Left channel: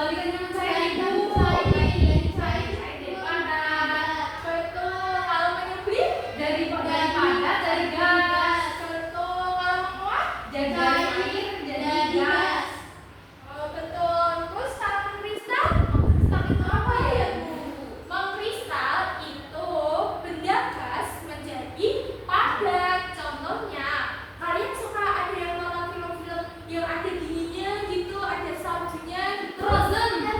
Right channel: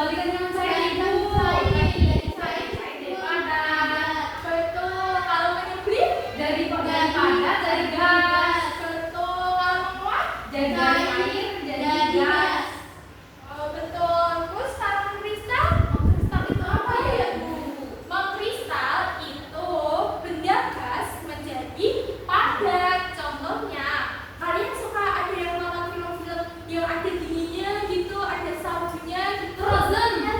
Kembalikan dengan saya ibu. Betul. Kalau pengen beli Daripada dari gas. betul. Kalau mau Dari air, dari gas. oh, betul. Terus kalau kristal, kristal itu apa ya Bu? Mengkristal itu benda gas menjadi padat. Contohnya, kalian suka ada yang nonton film-film yang ada dinginnya gitu, ada saljunya gitu. Frozen.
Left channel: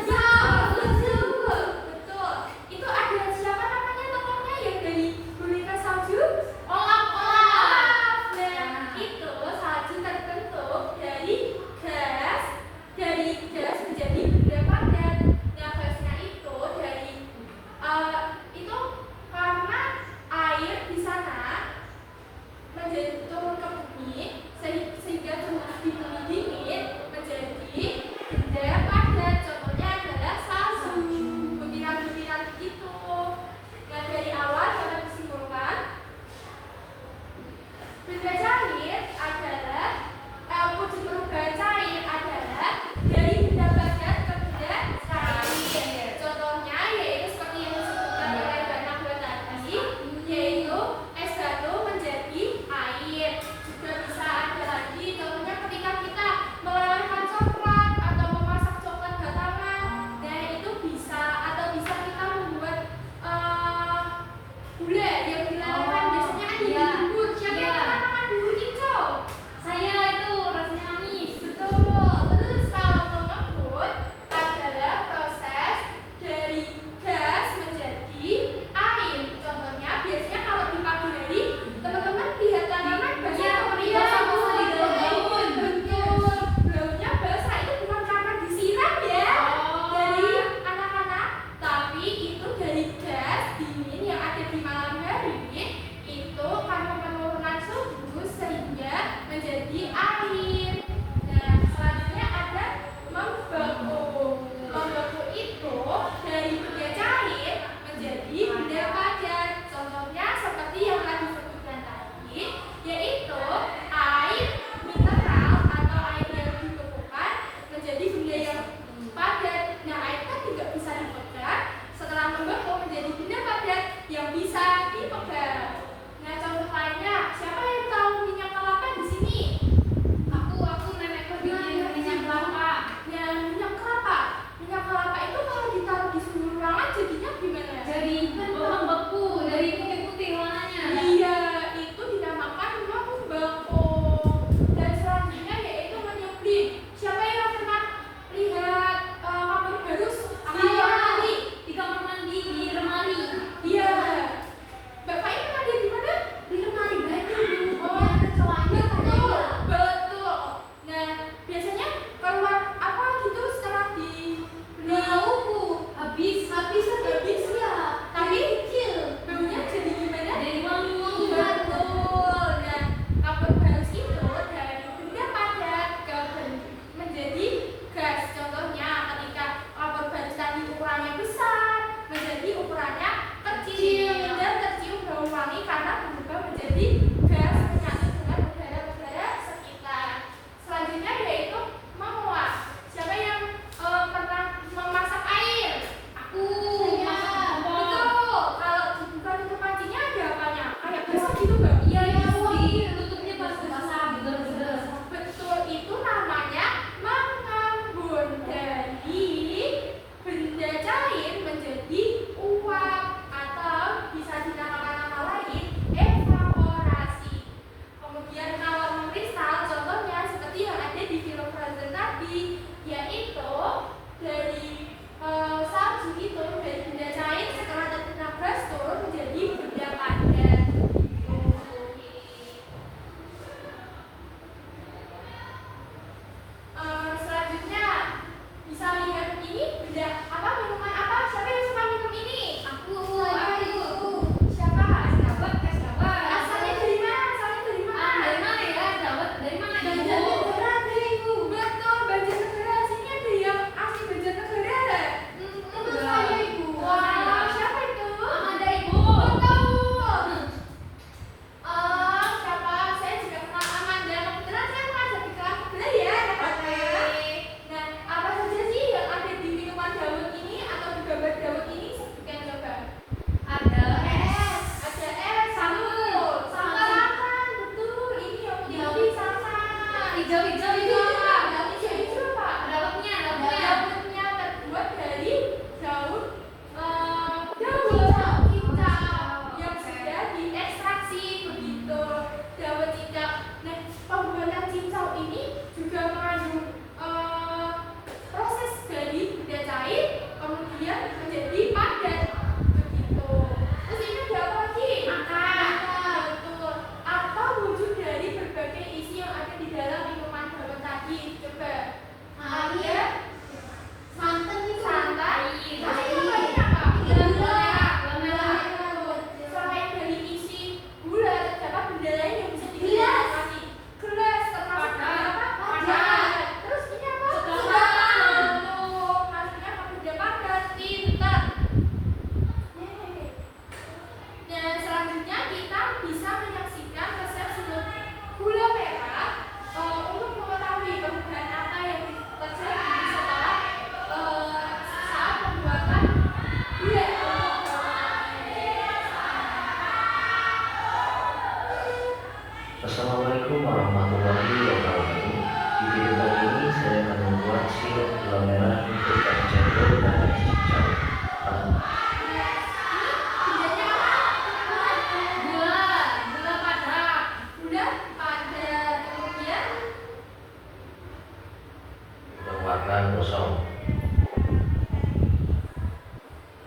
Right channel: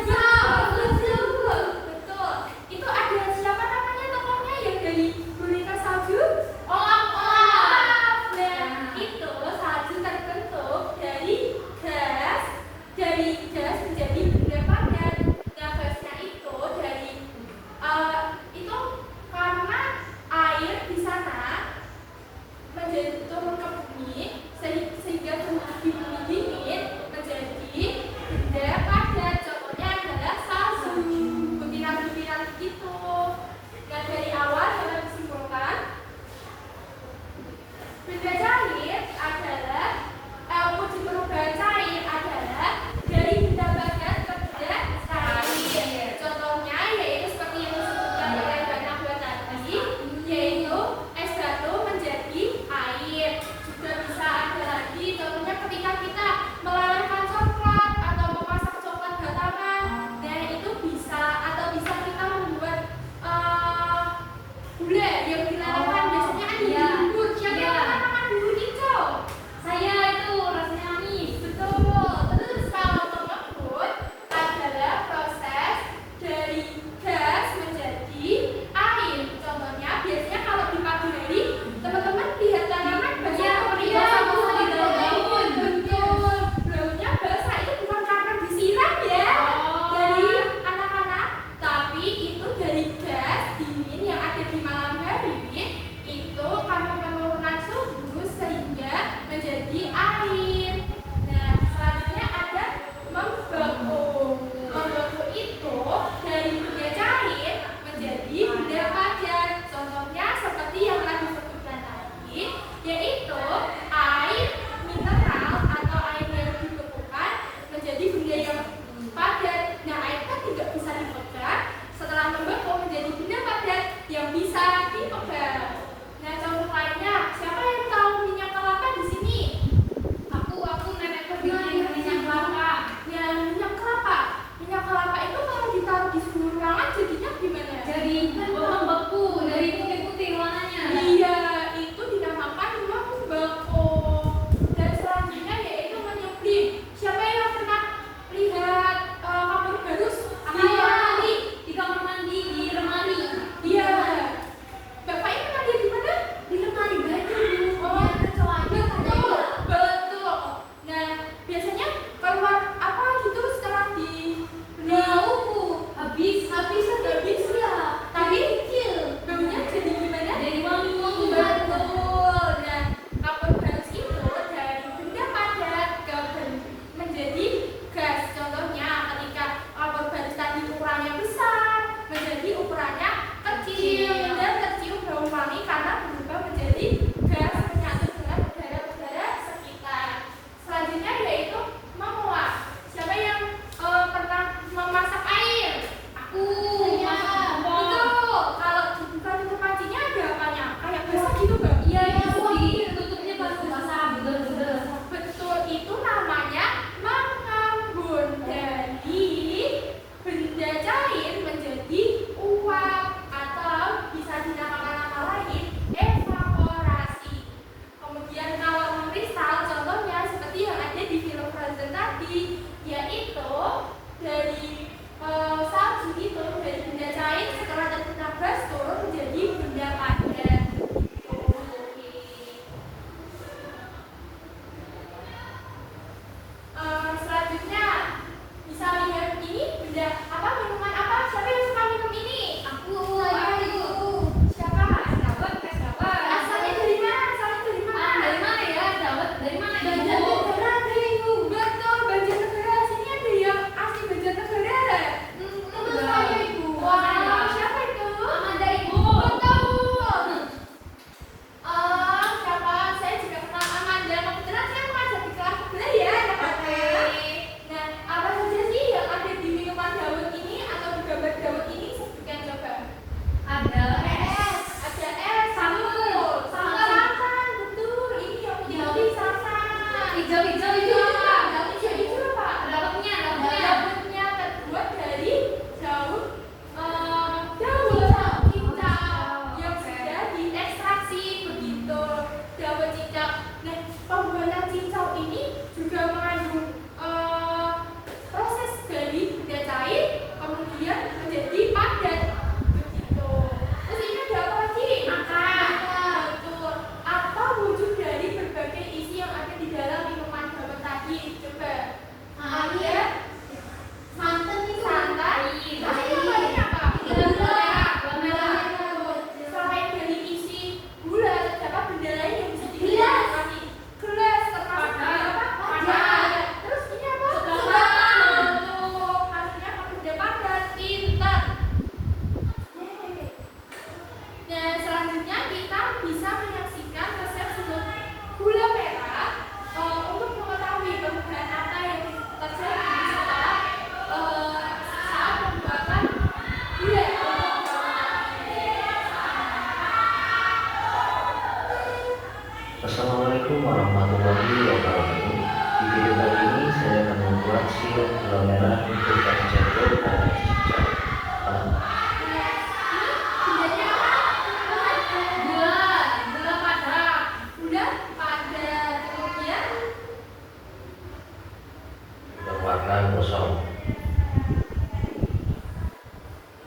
akan kosong.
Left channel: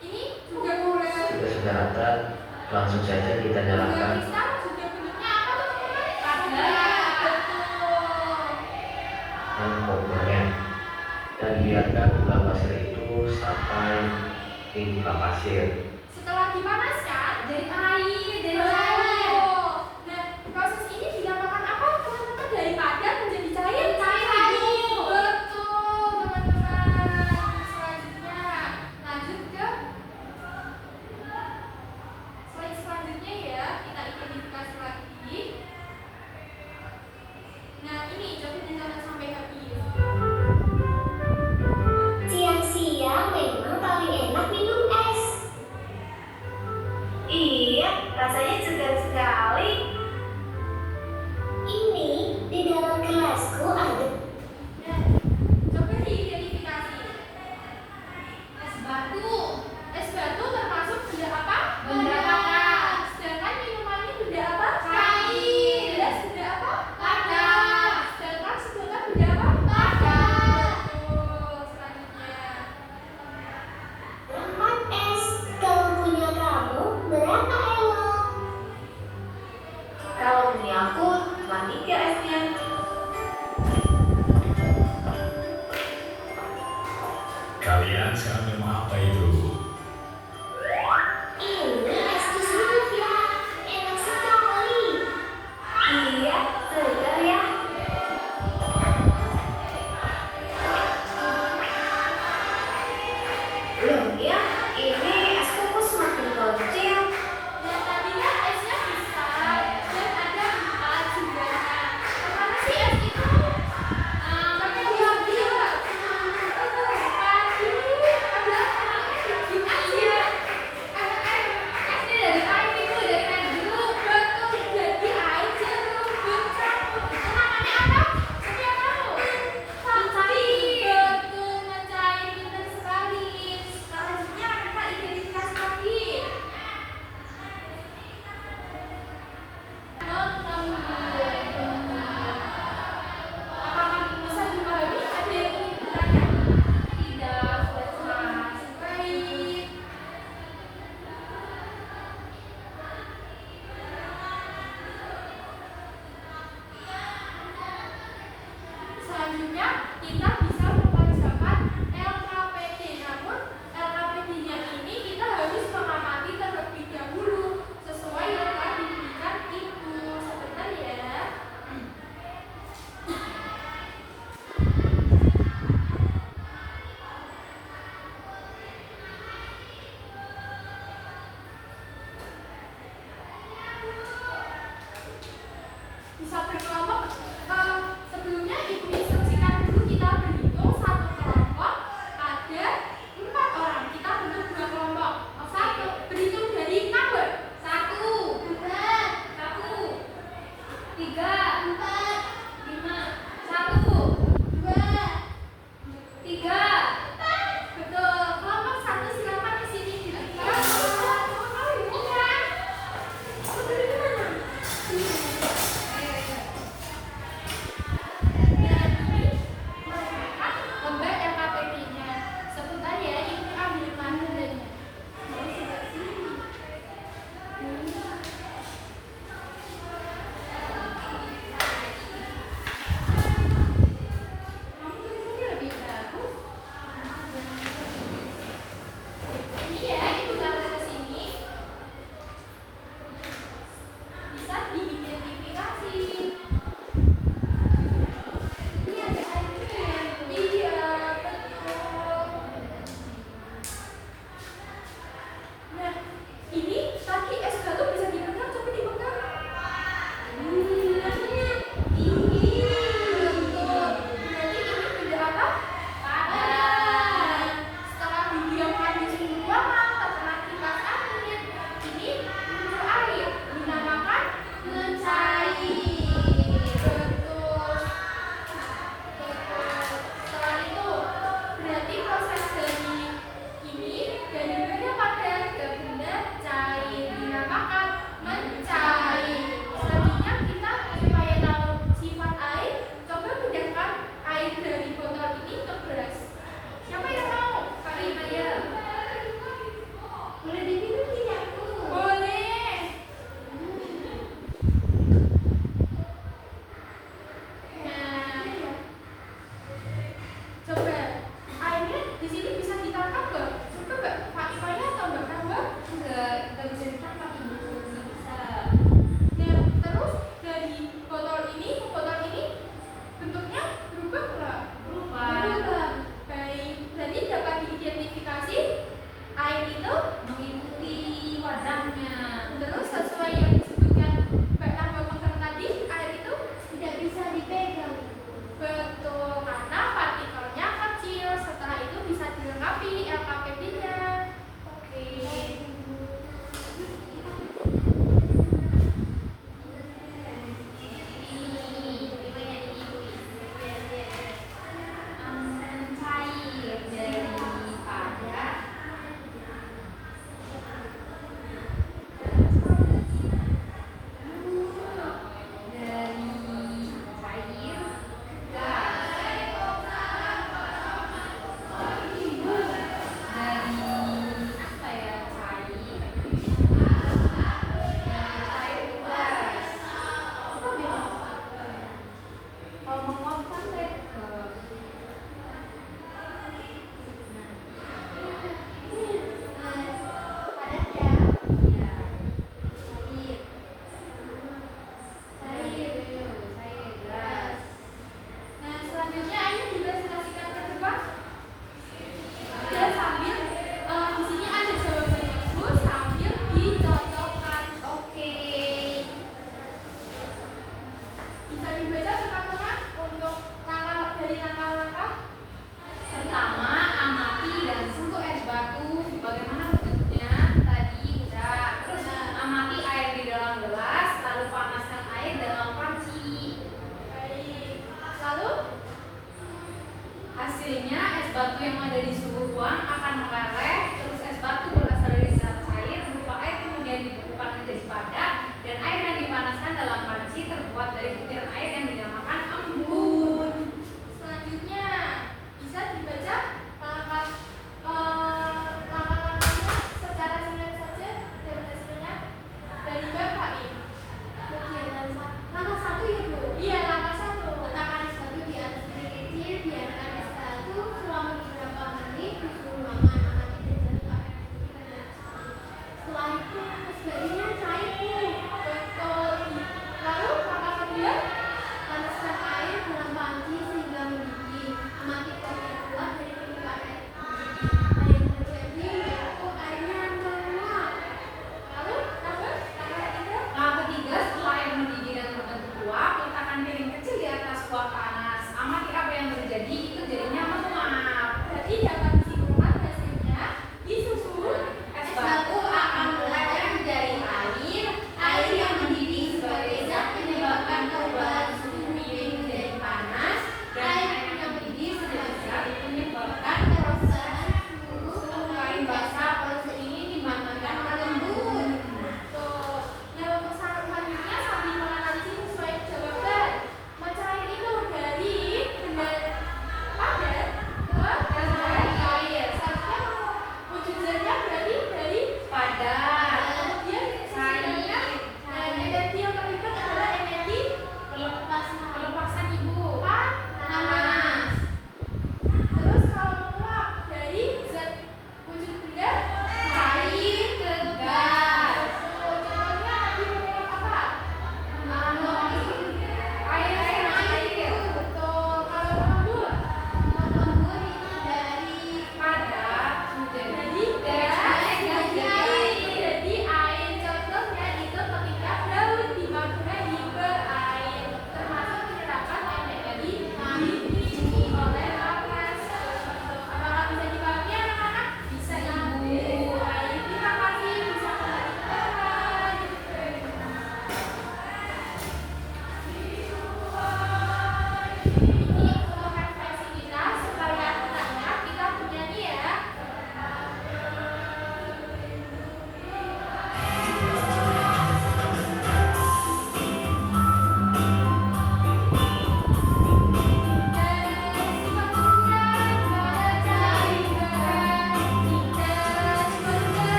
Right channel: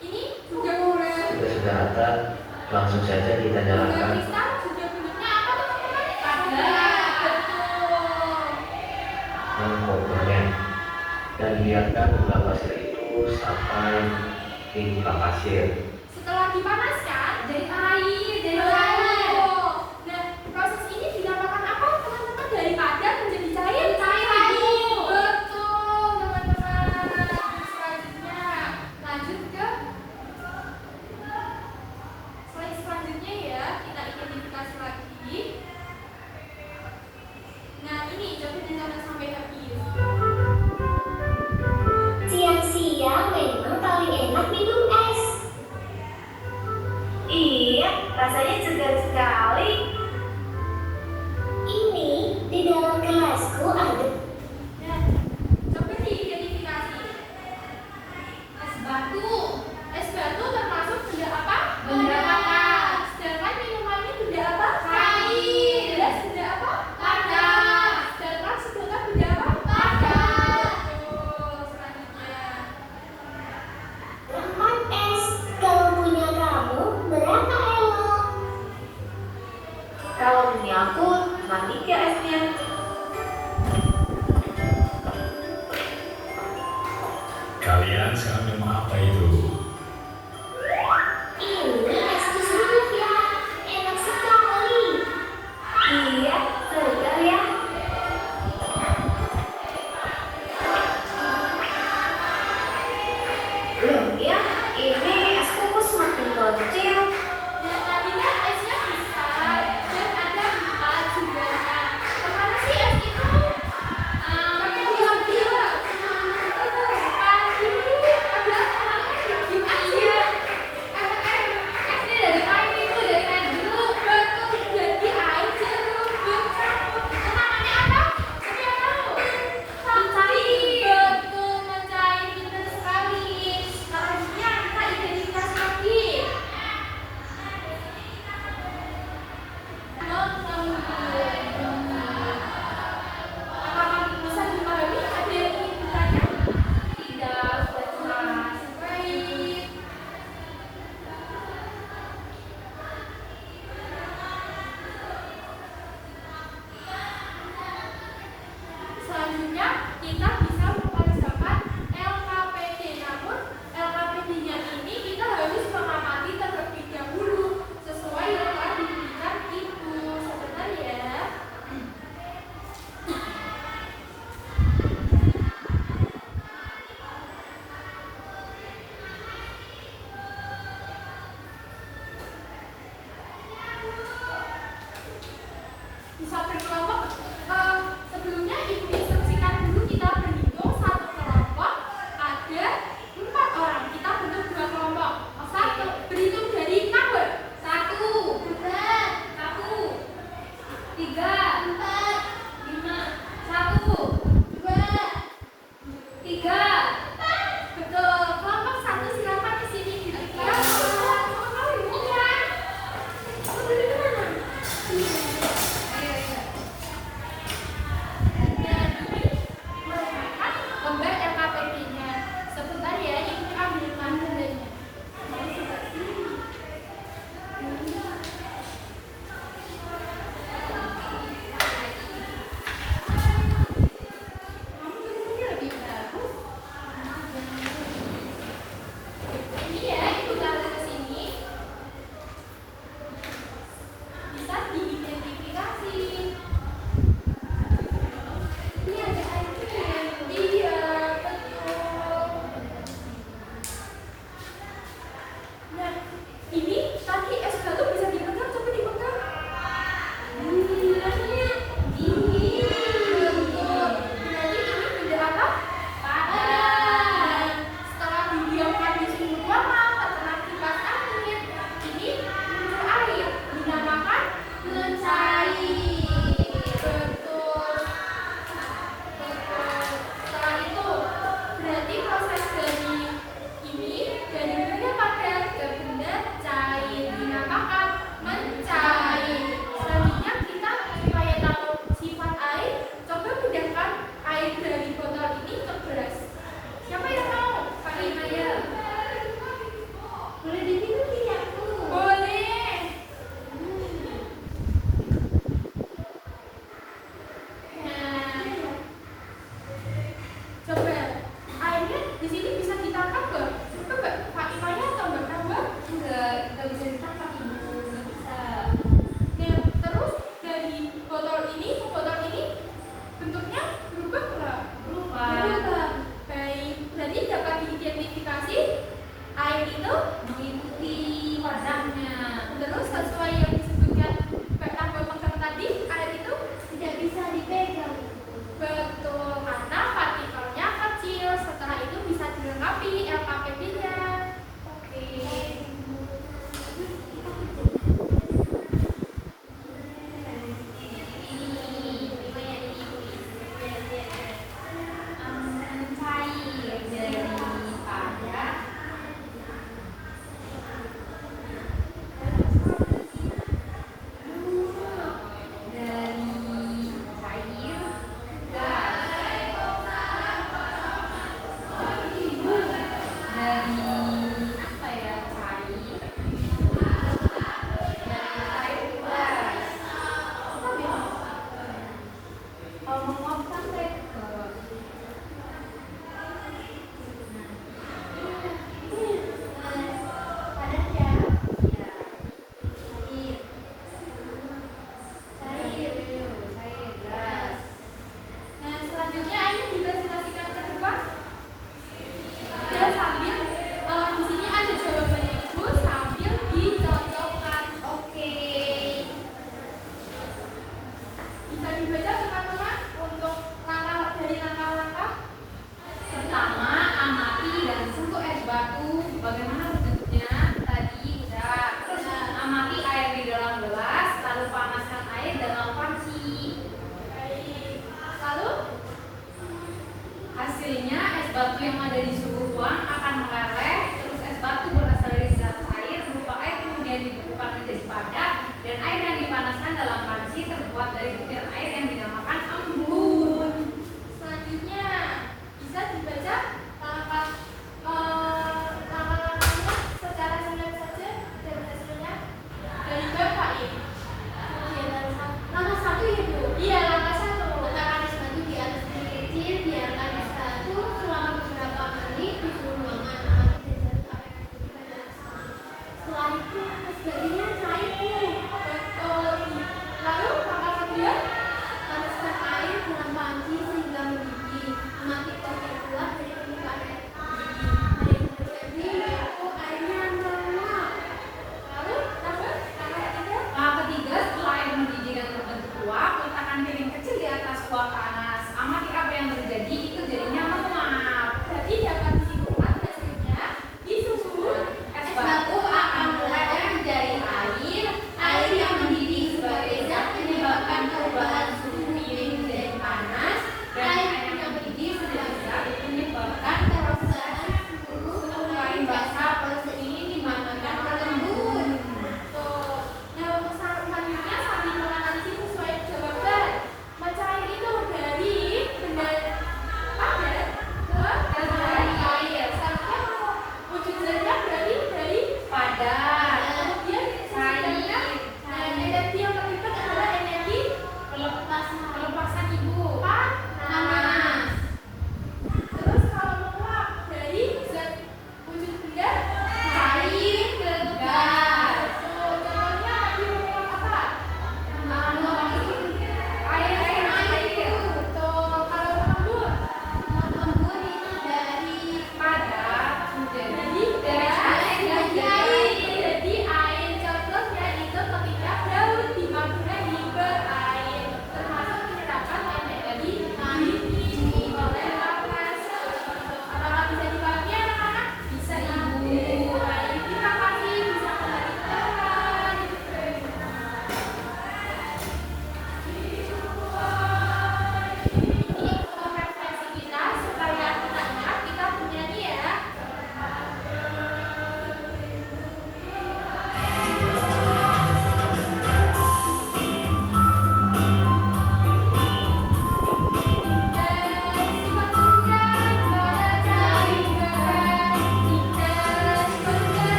Ini juga bulan. Jika sudah rata, langsung saja kita nyalakan Kristal juga bentuknya apa teman-teman? Padat. Betul. komponen dan biarkan gula pasir itu sampai hingga pasir. Setelah dipanaskan, Jadi air, jadi air. Nah, proses ini dinamakan apa teman-teman? Dari padat menjadi cair. Cair. Betul teman-teman. Selanjutnya lanjut ke slide selanjutnya ya. Kita identifikasi lagi. Nah ini coba ditonton sampai habis. Siang-siang memang paling enak minum es. Iya, rasanya segar sekali. Ini di dalam gelasku ada. Nah, coba diidentifikasi. Es batu. Es batu termasuk benda apa? Benda padat. Sedangkan minuman ini benda apa? Cair. Gelas benda apa? Padat. Sedangkan benda apa? Padat. Betul. Selanjutnya. Lemon es. Kalau punya kamu, berapa elo? Kalau punya aku, cuma 3 esnya. Kalian sekarang minum apa itu? Ini es kusut ya. Enak sekali. Iya, segar ya. Belum ya, ini es kukus semakin kecil. Nah, tadi kan esnya besar dan ada 4 jumlahnya. Kemana sih es itu? Pakai dia. Aduh, ada anak-anak di sini bisa ditangkap nggak? Coba nggak? Pak Ipanya atau nggak nambah? Nggak bisa ditangkap ini. Bisa. Nah, terus dari botol ini ke botol ini bentuknya berubah nggak? Berubah. Baik, berarti dapat diidentifikasi air itu Mengikuti warnanya. terus sesuai yang disebutkan Mbak Tambah Mekar tadi, air itu Tidak bisa dipegang. betul karena partikelnya kecil. Setelah itu bisa dilengkapi LKPD-nya. Oke. Nah, selanjutnya ini dipresentasikan ke depan. Dan sambil di sini ada jawabannya Bu, sambil dicocokkan. Oke. Bisa dibaca teman-teman untuk langkah-langkah. Pertama, amati dan sentuh es batu. Bagaimana bentuknya? Tadi udah. Terus amati air di dalam gelas, lalu panaskan air dalam panci. Lalu Hasilnya es batu yang ada di suhu ruang akan meleleh. Terus es batu berasal dari zat air berupa air kemudian dibekukan menjadi padat, dan air yang dipanaskan dalam panci terbuat dari butir air yang dinamakan embun. selanjutnya bisa dibaca langkah-langkahnya secara ringan saja dan hasilnya dari Bapak ini. Langkah satu ya Bu. Iya, langkah 1. Letakkan es batu di atas piring kecil, biarkan es batu selama beberapa menit di suhu ruangan. Amati dan apa yang dibutuhkan dari sana. Setelah itu es batunya cair Bu. Betul. Lalu langkah kedua, Panaskan air dalam panci sehingga mendidih. Amati kuat yang kuat dari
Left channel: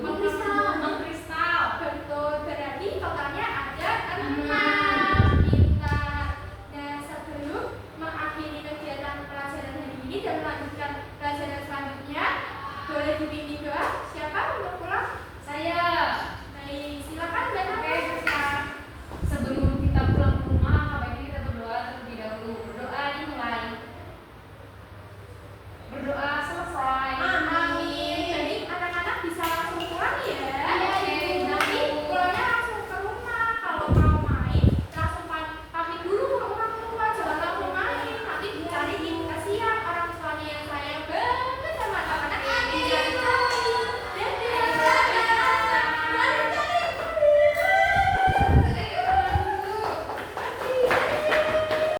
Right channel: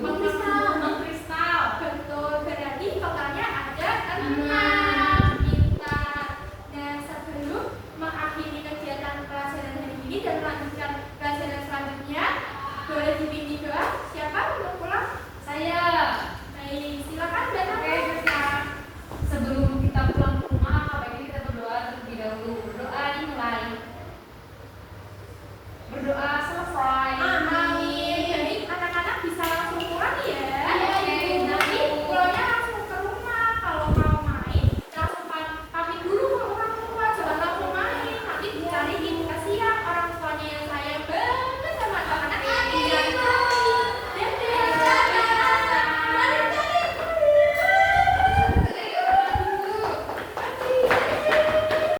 Bang Kristal. Betul, berarti totalnya ada 6 pintar. Nah, sebelum mengakhiri kegiatan pelajaran hari ini dan melanjutkan pelajaran selanjutnya, boleh dipimpin doa. Siapa untuk pulang? Saya. Baik, silakan dan Oke, Kristal. Sebelum